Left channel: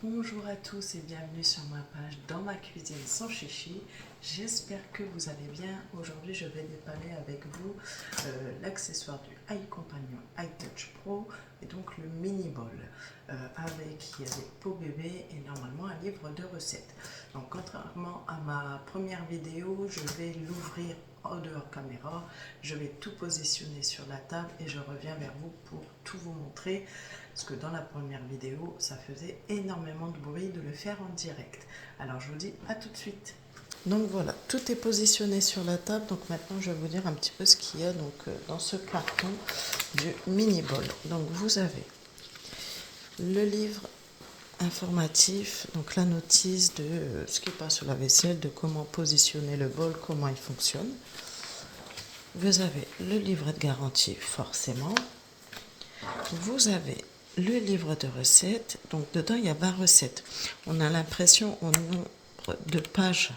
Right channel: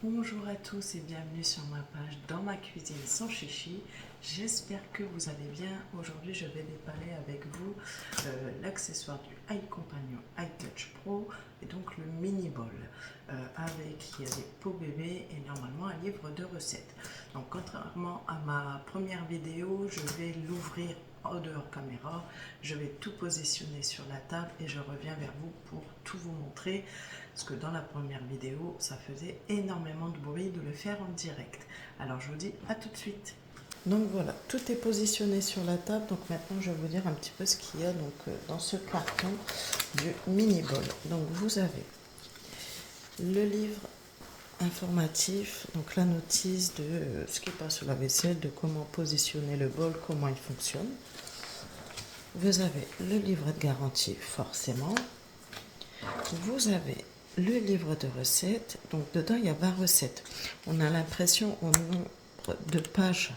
Bonjour à tous et bienvenue sur ma page Dans ma cuisine sans chichi. J'espère que vous allez bien. Aujourd'hui, je vais déballer avec vous l'accessoire du iCompagnon iTouch Pro et donc le mini bol avec il y a des pots bébés et normalement un livre de recettes. Donc contrairement à ma première vidéo, je vais l'ouvrir en dehors caméra, je vais tout positionner sur la table et je reviens vers vous pour tout vous montrer, parce que dans la première vidéo ça faisait énormément de bruit de le faire en direct. Alors je vous dis à tout de suite. Donc voilà, tout est positionné sur la table. Donc maintenant je vais vous dire un petit peu ce qu'il y a dans ce carton du mini bol. Donc vous avez le livre informatif, donc la notice de ce qui passe sur la vaisselle, de comment positionner le bol, comment il fonctionne. Vous avez le livret de garantie, forcément. Vous avez le livre de recettes. Donc dedans, il y a 20 recettes. On a l'impression au nombre de pages,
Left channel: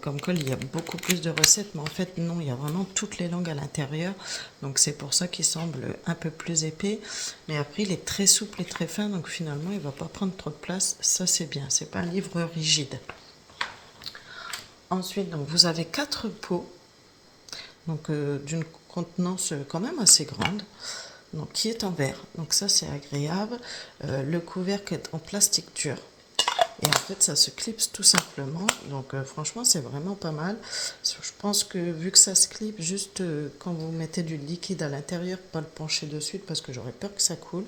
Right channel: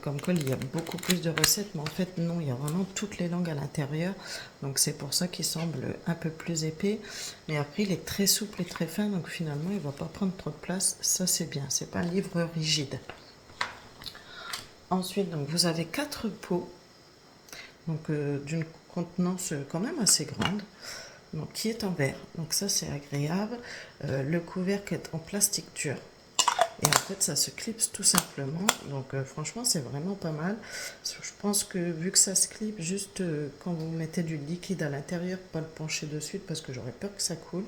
comme quoi il y a beaucoup plus de recettes, mais en fait non, il y a vraiment toutes les langues à l'intérieur. Donc c'est pour ça qu'il semble un peu plus épais. Mais après, il est très souple et très fin, donc finalement, il ne va pas prendre trop de place. Ça, c'est bien. C'est pas un livre rigide. Ensuite, donc, vous avez 4 pots, donc d'une contenance quand même assez grande, donc qui est en verre. Donc ça, c'est agréable. Le couvercle est en plastique dur. Et en fait, ça se clipse tout simplement. Donc franchement, c'est vraiment pas mal. Je pense que vu que ça se clipse, juste quand vous mettez du liquide à l'intérieur, pas le pencher dessus parce que j'aurais peur que ça coule.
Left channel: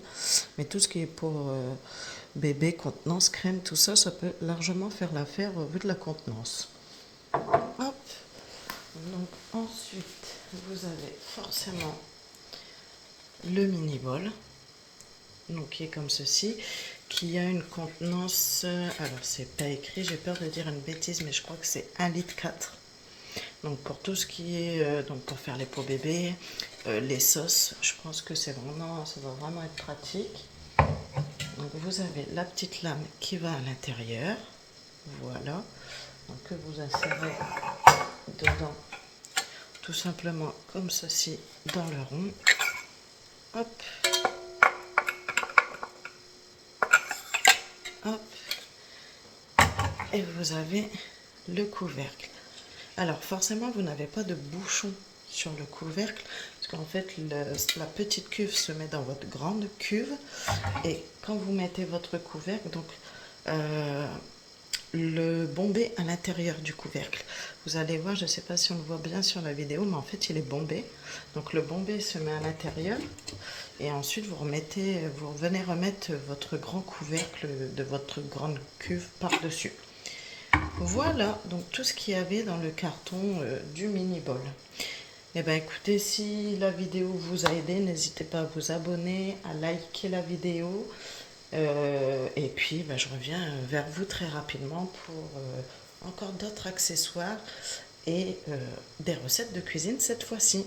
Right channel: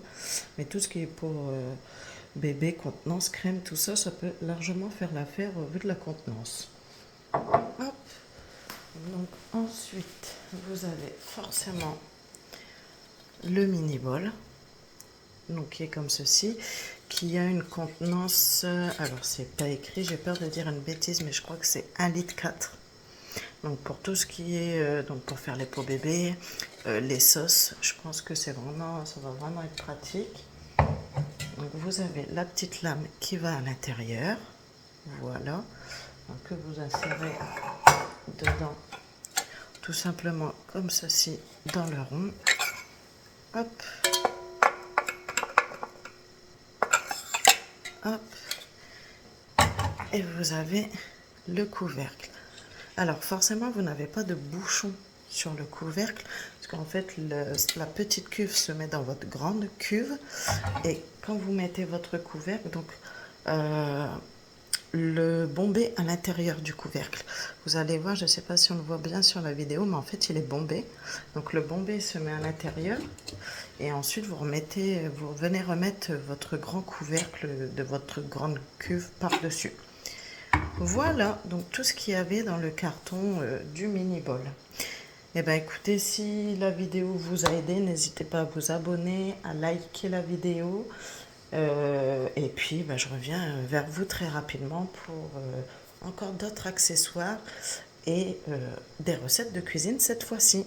Mais tout ce qui est pour bébé, contenance, crème, tout ça, ça peut largement faire l'affaire vu de la contenance. Hop. Donc ensuite, vous avez forcément le mini bol, donc qui est comme ceci, qui a une contenance, alors c'est pas écrit, j'ai peur de dire une bêtise, mais je crois que c'est 1,4 litre. Donc pour tout ce qui est, donc pour faire les pots bébés, les sauces, je pense que c'est vraiment, ça va vraiment être pratique. Donc vous avez la petite lame qui va à l'intérieur, voilà, donc que vous insérez dedans, tout simplement comme ceci, dans le rond. Hop, hop, et vous avez le couvercle. Alors forcément, vous n'avez pas de bouchon sur le couvercle, parce qu'en fait, la petite cuve se met dans votre grande cuve, et quand vous mettez votre couvercle, donc le bombé à l'intérieur du couvercle. Vous allez voir, je ne sais pas si on le voit bien sur la vidéo, mais en fait, il est bombé. Donc le bombé se met à l'intérieur, et ensuite vous venez remettre votre grand couvercle de votre grande cuve par-dessus. Voilà, donc tout ce qu'il y avait dans le carton du mini bol. Et bien écoutez, si la vidéo vous a aidé, n'hésitez pas à vous abonner, à liker la vidéo. Et puis je reviens vers vous très rapidement pour encore d'autres accessoires et des recettes de cuisine cette fois-ci.